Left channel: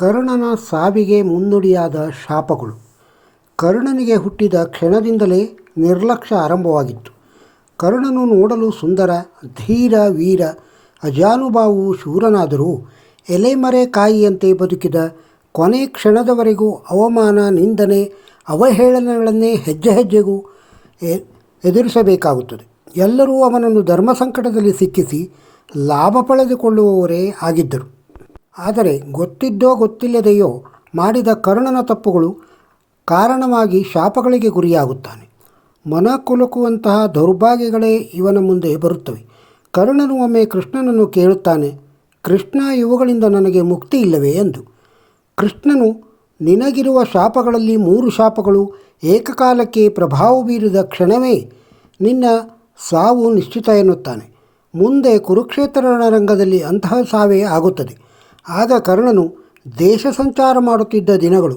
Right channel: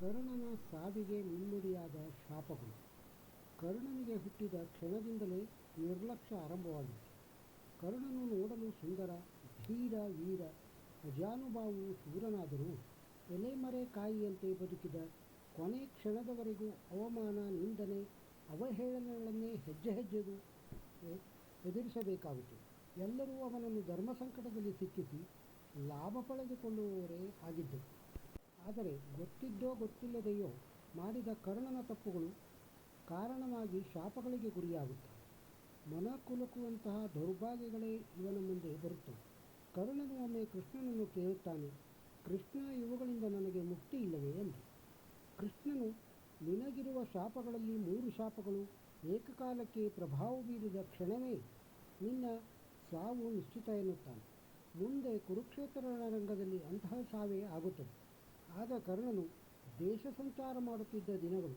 ಕರ್ಣನ ಸಾವಿಗೆ ಮುನ್ನುಡಿಯಾದ ಶಾಪಗಳು. ಕರ್ಣನಿಗೆ ಹುಟ್ಟಿದ ಕ್ಷಣದಿಂದಲೇ ನಿರ್ಲಕ್ಷ್ಯ ಆರಂಭವಾಗಿತ್ತು. ಕರ್ಣನು ನೋಡಲು ಸುಂದರ, ಧೀರ, ವೀರ ಅಜಾನುಭಾವು ಶೂರನಾದರೂ ಎಲೆಮರೆ ಕಾಯಿಯಂತೆ ಬದುಕಿದ ಕೊನೆ ಕ್ಷಣದವರೆಗೂ ಅವಮಾನ, ನಿಂದನೆ, ಅವಹೇಳನಗಳನ್ನೇ ಹೆಜ್ಜೆ ಹೆಜ್ಜೆಗೂ ಎದುರಿಸಬೇಕಾಗುತ್ತದೆ. ಎಲ್ಲರೂ ಅವನನ್ನು ಧರ್ಮ ಸಂಕಟದಲ್ಲಿ ಸಿಕ್ಕಿಸಿ ಲಾಭ ಪಡೆದುಕೊಳ್ಳುವವರೇ ಆಗಿದ್ದರು. ಆದರೆ ಗೊತ್ತಿದ್ದೋ ಗೊತ್ತಿಲ್ಲದೆಯೋ ಮಾಡಿದ ಕರ್ಣನ ತಪ್ಪುಗಳು ಕಾರಣವಾಗಿ ಶಾಪಗಳಿಗೆ ಗುರಿಯಾಗುತ್ತಾನೆ. ಮನ ಕುಲುಕುವಂತಹ ದೌರ್ಭಾಗ್ಯಗಳೇ ಇವನ ಮುಂದೆ ಬರುತ್ತವೆ. ಕರ್ಣನು ಒಮ್ಮೆ ಕೃಷ್ಣನನ್ನು ಕೇಳುತ್ತಾನೆ, ಕೃಷ್ಣ, ಇವುಗಳಿಂದ ನನಗೆ ಮುಕ್ತಿ ಇಲ್ಲವೇ? ಎಂದು. ಕೃಷ್ಣನು, ನಿನಗಿರುವ ಶಾಪಗಳಲ್ಲಿ ಮೂರು ಶಾಪಗಳು, ಏಕಕಾಲಕ್ಕೆ ಪ್ರಭಾವ ಬೀರಿದ ಕ್ಷಣವೇ ನಿನ್ನ ಸಾವು ನಿಶ್ಚಿತ ಎನ್ನುತ್ತಾನೆ. ಮುಂದೆ ಕುರುಕ್ಷೇತ್ರ ರಣರಂಗದಲ್ಲಿ ಅಂತಹ ಸಾವೇ ಆಗುತ್ತದೆ. ಆಗ ಕರ್ಣನು ದೇಶ ಸಂಚಾರ ಮಾಡುತ್ತಿದ್ದ ದಿನಗಳು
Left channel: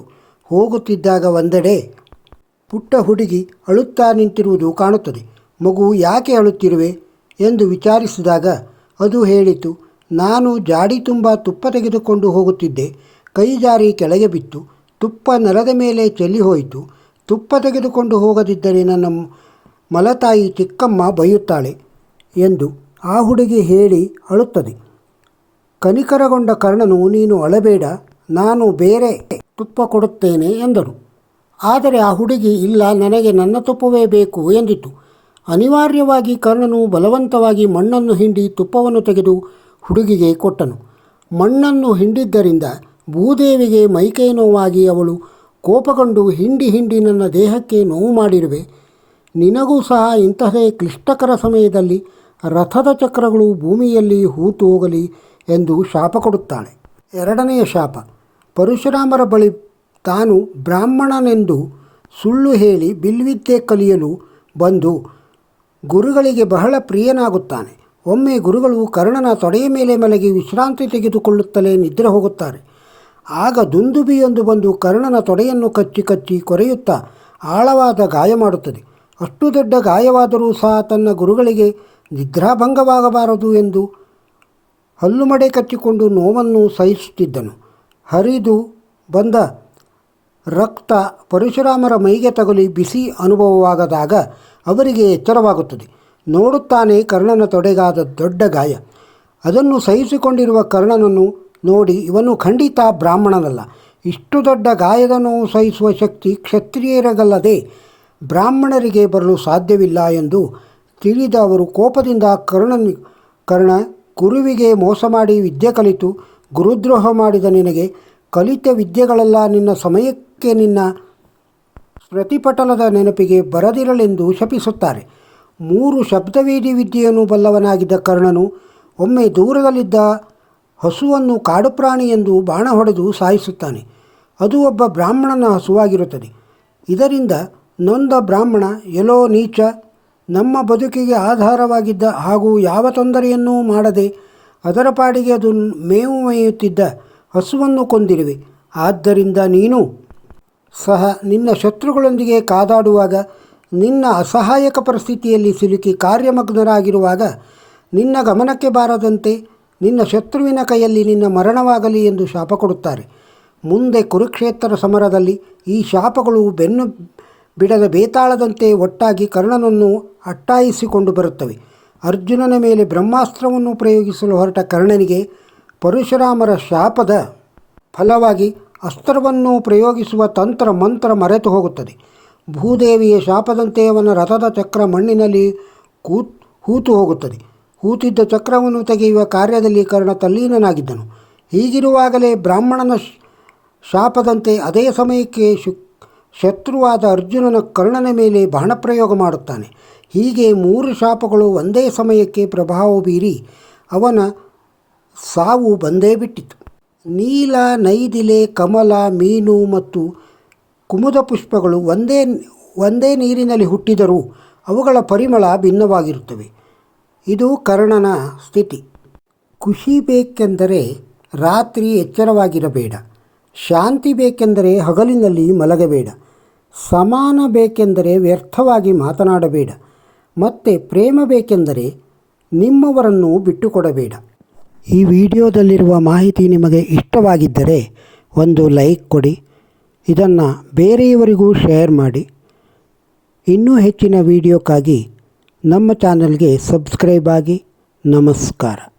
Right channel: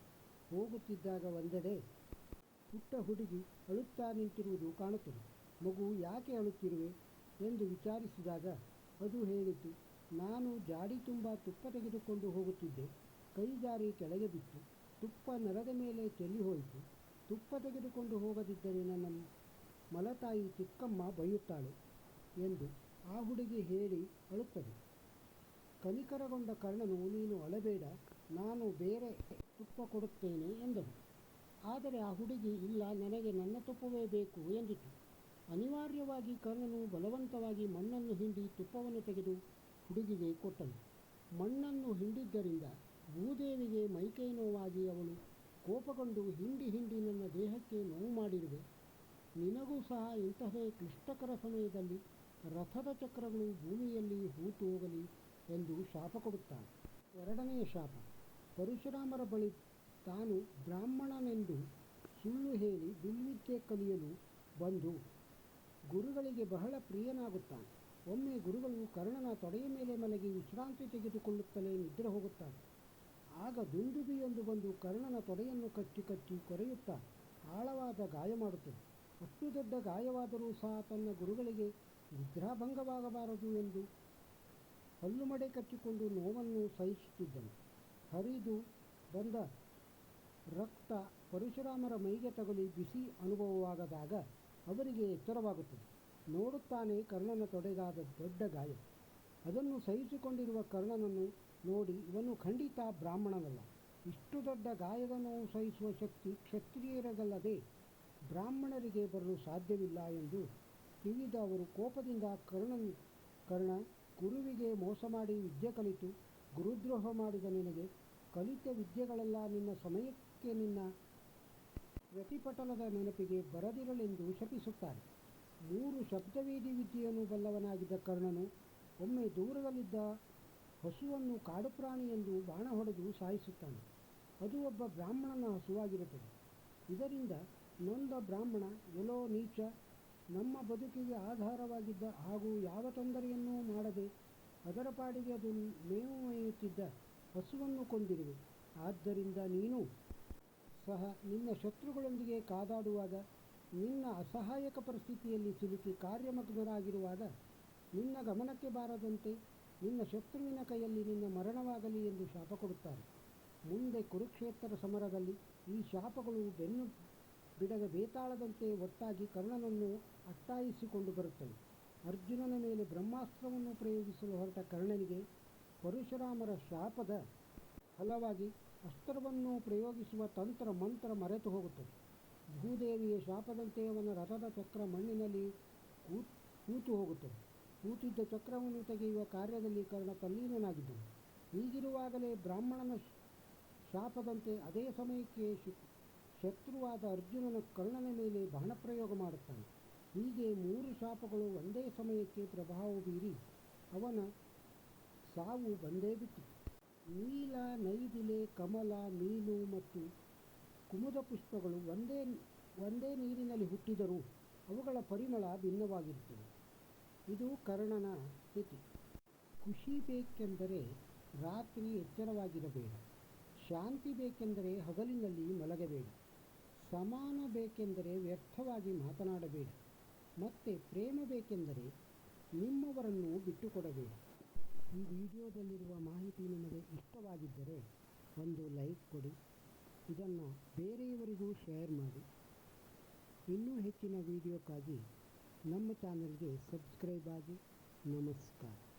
ಹೋಗುತ್ತಿದ್ದಾಗ ಒಂದೆಡೆ ಪುಟ್ಟ ಹುಡುಗಿ ಅಳುತ್ತಾ ನಿಂತಿರುವುದು ಕಾಣುತ್ತದೆ. ಮಗು ಯಾಕೆ ಅಳುತ್ತಿರುವೆ ಎಂದು ವಿಚಾರಿಸಿದಾಗ ಅದು ಹೇಳಿತು, ನಾನು ಜಾಡಿ ತುಂಬ ತುಪ್ಪ ತೆಗೆದುಕೊಂಡು ಹೋಗುತ್ತಿದ್ದೆ. ಕೈ ಜಾರಿ ಕೆಳಗೆ ಬಿತ್ತು. ತುಪ್ಪ ನೆಲದ ಮೇಲೆ ಚೆಲ್ಲಿ ಹೋಯಿತು. ತುಪ್ಪ ತೆಗೆದುಕೊಂಡು ಹೋಗದಿದ್ದರೆ ನನ್ನ ಮಲತಾಯಿ ಚಿಕ್ಕಮ್ಮ ಬೈಯುತ್ತಾಳೆ ಎಂದು ಆ ಹುಡುಗಿ ಹೇಳಿ ಅಳುತ್ತದೆ. ಕನಿಕರಗೊಂಡ ಕರ್ಣನು, ನೀನು ಅಳಬೇಡ, ನಾನು ಬೇರೆ ತುಪ್ಪ ಕೊಡುತ್ತೇನೆ ಎಂದನು. ಆದರೆ ಆ ಹುಡುಗಿ, ಇಲ್ಲ, ನನಗೆ ನನ್ನ ತುಪ್ಪವೇ ಬೇಕು ಎಂದಿತು. ಅನಿವಾರ್ಯವಾಗಿ ಕರ್ಣನು ಬಲವಂತವಾಗಿ ಮಣ್ಣನ್ನು ಹಿಂಡಿ ತುಪ್ಪವನ್ನು ತೆಗೆದು ಹುಡುಗಿಗೆ ಕೊಟ್ಟನು. ಮಣ್ಣನ್ನು ಹಿಂಡಿದ್ದರಿಂದ ಭೂದೇವಿಗೆ ಮೈಕೈ ನೋವಾಗಿ ಅವಳು ಕೋಪಗೊಂಡು, ಹಿಂಡಿ ಹಿಂಡಿ, ನನ್ನ ದೇಹಕ್ಕೆ ನೋವು ಮಾಡಿರುವೆ. ನಿನಗೂ ಸಹ ಇಂತಹದೇ ಕ್ಲಿಷ್ಟಕರ ಸಮಯದಲ್ಲಿ ರಥದ ಚಕ್ರಗಳು ಭೂಮಿಯಲ್ಲಿ ಹೂತು ಹೋಗಲಿ ಎಂದು ಶಾಪ ಕೊಡುತ್ತಾಳೆ. ಎರಡನೆಯ ಶಾಪ, ಪರಶುರಾಮರ ಬಳಿ ತಾನು ಬ್ರಾಹ್ಮಣನೆಂದು ಸುಳ್ಳು ಹೇಳಿ ಬಿಲ್ವಿದ್ಯೆ ಕಲಿಯಲು ಬಂದು ಗುರುಗಳಿಗೆ ಬಹಳ ಪ್ರಿಯನಾಗುತ್ತಾನೆ. ಒಮ್ಮೆ ಗುರುಗಳು ಕರ್ಣನ ತೊಡೆಯ ಮೇಲೆ ಮಲಗಿ ವಿಶ್ರಾಂತಿ ತೆಗೆದುಕೊಳ್ಳುತ್ತಲೇ ನಿದ್ರೆ ಹೋಗುತ್ತಾರೆ. ಆಗ ದುಂದುಬಿಯೊಂದು ಬಂದು ಕರ್ಣನ ತೊಡೆಯನ್ನು ಕಚ್ಚಿ ಕಚ್ಚಿ ಕೊರೆಯುತ್ತಾ ಆಳವಾದ ಗಾಯ ಮಾಡುತ್ತದೆ. ಅಷ್ಟು ದೊಡ್ಡ ಗಾಯವಾದರೂ ಸಹ ತನ್ನ ಗುರುಗಳಿಗೆ ನಿದ್ರಾಭಂಗವಾಗಬಾರದು ಎಂದು ಹಲ್ಲುಮಡೆ ಕಚ್ಚಿಕೊಂಡು ನೋವನ್ನು ಸಹಿಸುತ್ತಿದ್ದನು. ಹರಿದು ಬಂದ ರಕ್ತ ಪರಶುರಾಮರ ಮೈಗೆ ತಗುಲಿ ಬಿಸಿ ಅನುಭವವಾಗದಾಗ ಅವರಿಗೆ ಎಚ್ಚರವಾಗುತ್ತದೆ. ನೋಡುತ್ತಾನೆ ಕರ್ಣನ ತೊಡೆಗಾದ ದೊಡ್ಡ ಗಾಯ. ಅದನ್ನು ಸಹಿಸಿಕೊಂಡಿರುವ ಕರ್ಣನನ್ನು ನೋಡಿ ಇವನು ಖಂಡಿತ ಬ್ರಾಹ್ಮಣನಲ್ಲ. ಇಷ್ಟು ದೊಡ್ಡ ಗಾಯದ ನೋವು ಸಹಿಸುವ ಶಕ್ತಿ ಕ್ಷತ್ರಿಯರಗಲ್ಲದೆ ಬ್ರಾಹ್ಮಣರಿಗೆ ಬರಲು ಸಾಧ್ಯವಿಲ್ಲ ಎಂದು ತಿಳಿದ ಅವರು ಕೋಪದಿಂದ ಕರ್ಣನ್ ಕರ್ಣ ಗುರುವಿಗೆ ಮೋಸ ಮಾಡಿ ವಿದ್ಯೆ ಕಲಿತು ಗುರುದ್ರೋಹ ಮಾಡಿದ ನಿನಗೆ ಕಲಿತ ವಿದ್ಯೆಗಳೆಲ್ಲ ನಿನ್ನ ಸಮಯಕ್ಕೆ ನಿನ್ನ ಪ್ರತಿಪಟಲದ ನೆನಪಿಗೆ ಬರದಿರಲೆಂದು ಶಪಿಸುತ್ತಾರೆ. ಮೂರು ಶಬ್ದವೇದಿ ವಿದ್ಯೆಯನ್ನು ಬಲ್ಲವನಾಗಿದ್ದ ಕರ್ಣನು ಒಮ್ಮೆ ದೂರದಲ್ಲಿದ್ದ ಹಸುವನ್ನು ಕಾಡು ಪ್ರಾಣಿ ಎಂದು ಬಾಣ ಹೊಡೆದು ಸಾಯಿಸುತ್ತಾನೆ. ಅದು ಒಬ್ಬ ಬ್ರಾಹ್ಮಣನ ಹಸುವಾಗಿರುತ್ತದೆ. ಇದರಿಂದ ನೊಂದ ಬ್ರಾಹ್ಮಣ ಎಲೋ ನೀಚ ನಮ್ಮ ಬದುಕಿಗೆ ಆಧಾರವಾಗಿದ್ದ ಹಾಗೂ ಯಾವ ತೊಂದರೆಯನ್ನೂ ಮಾಡದೆ ಅದರ ಪಾಡಿಗೆ ಅದು ಮೇವು ಮೇಯುತ್ತಿದ್ದ ಹಸುವನ್ನು ಕೊಂದಿರುವೆ. ಆದ್ದರಿಂದ ನೀನು ಸಹ ನಿನ್ನ ಶತ್ರುಗಳೊಂದಿಗೆ ಕಾದಾಡುವಾಗ, ನಿನ್ನ ಅಸಹಾಯಕ ಪರಿಸ್ಥಿತಿಯಲ್ಲಿ ಸಿಲುಕಿ ಕಾರ್ಯಮಗ್ನರಾಗಿರುವಾಗ, ನಿನ್ನ ಗಮನಕ್ಕೆ ಬಾರದಂತೆ ನಿನ್ನ ಶತ್ರುವಿನ ಕೈಯಲ್ಲಿ ನಿನ್ನ ಮರಣವಾಗಲಿ ಎಂದು ಶಾಪ ಕೊಡುತ್ತಾರೆ. ಮುಂದೆ ಕುರುಕ್ಷೇತ್ರ ಸಮರದಲ್ಲಿ ಈ ಶಾಪಗಳು ಬೆನ್ನು ಬಿಡದ ಬೇತಾಳದಂತೆ ಒಟ್ಟಾಗಿ ಕರ್ಣನನ್ನು ಅಟ್ಟಾಯಿಸಿಕೊಂಡು ಬರುತ್ತವೆ. ಅರ್ಜುನನ ಮೇಲೆ ಬ್ರಹ್ಮಾಸ್ತ್ರವನ್ನು ಪ್ರಯೋಗಿಸಲು ಹೊರಟ ಕರ್ಣನಿಗೆ ಪರಶುರಾಮರ ಶಾಪದ ಫಲವಾಗಿ ಅಸ್ತ್ರವನ್ನು ಪ್ರಯೋಗಿಸುವ ತಂತ್ರ ಮಂತ್ರ ಮರೆತು ಹೋಗುತ್ತದೆ. ಭೂದೇವಿಯ ಶಾಪದಂತೆ ಅವನ ರಥದ ಚಕ್ರ ಮಣ್ಣಿನಲ್ಲಿ ಕೂತ್ ಹೂತು ಹೋಗುತ್ತದೆ. ಹೂತಿದ್ದ ಚಕ್ರವನ್ನು ತೆಗೆಯುವ ಕಾರ್ಯದಲ್ಲಿ ಕರ್ಣ ತಲ್ಲೀನನಾಗಿದ್ದನು. ಹೀಗಿರುವಾಗಲೇ ಬ್ರಾಹ್ಮಣನ ಶಾಪದಂತೆ ಅದೇ ಸಮಯಕ್ಕೆ ಶು ಶತ್ರುವಾದ ಅರ್ಜುನನ ಕರ್ಣನ ಮೇಲೆ ಬಾಣಪ್ರಯೋಗ ಮಾಡುತ್ತಾನೆ. ಹೀಗೆ ಮೂರು ಶಾಪಗಳು ಒಂದೇ ಸಮಯಕ್ಕೆ ಪ್ರಭಾವ ಬೀರಿ ಅವನ ಸಾವು ಬಂದೇ ಬಿಟ್ಟಿತು. ನೀಲ, ನೈದಿಲೆ, ಕಮಲ, ಮೀನು ಮತ್ತು ಕುಮುದ ಪುಷ್ಪಗಳು ಒಂದೇ ಒಂದೇ ನೀರಿನಲ್ಲಿ ಹುಟ್ಟಿದರೂ ಅವುಗಳ ಪರಿಮಳ ಭಿನ್ನವಾಗಿರುತ್ತವೆ. ಇದು ಕರ್ಣನ ಸ್ಥಿತಿ. ಖುಷಿ ಬೇಕೆಂದರೆ ರಾತ್ರಿ ಎಚ್ಚರವಾಗಿರಬೇಡ. ಶಾಂತಿ ಬೇಕೆಂದರೆ ಹಗಲಿನಲ್ಲಿ ಮಲಗಬೇಡ. ಸಮಾನ ಬೇಕೆಂದರೆ ವ್ಯರ್ಥವಾಗಿ ಮಾತನಾಡಬೇಡ. ಮತ್ತು ಪ್ರೇಮ ಬೇಕೆಂದರೆ ನಿಮ್ಮವರನ್ನು ಬಿಟ್ಟುಕೊಡಬೇಡ. ಈ ವಿಡಿಯೋದಲ್ಲಿರುವ ಮಾಹಿತಿ ನಿಮಗೆ ಇಷ್ಟವಾಗಿದ್ದರೆ ಒಂದು ಲೈಕ್ ಕೊಡಿ. ಇದನ್ನು ಬೇರೆಯವರಿಗೂ ಶೇರ್ ಮಾಡಿ. ಇನ್ನೂ ಹೆಚ್ಚಿನ ವಿಡಿಯೋಕ್ಕಾಗಿ ನಮ್ಮ ಚಾನಲ್ಗೆ ಸಬ್ಸ್ಕ್ರೈಬ್ ಆಗಿ. ನಮಸ್ಕಾರ.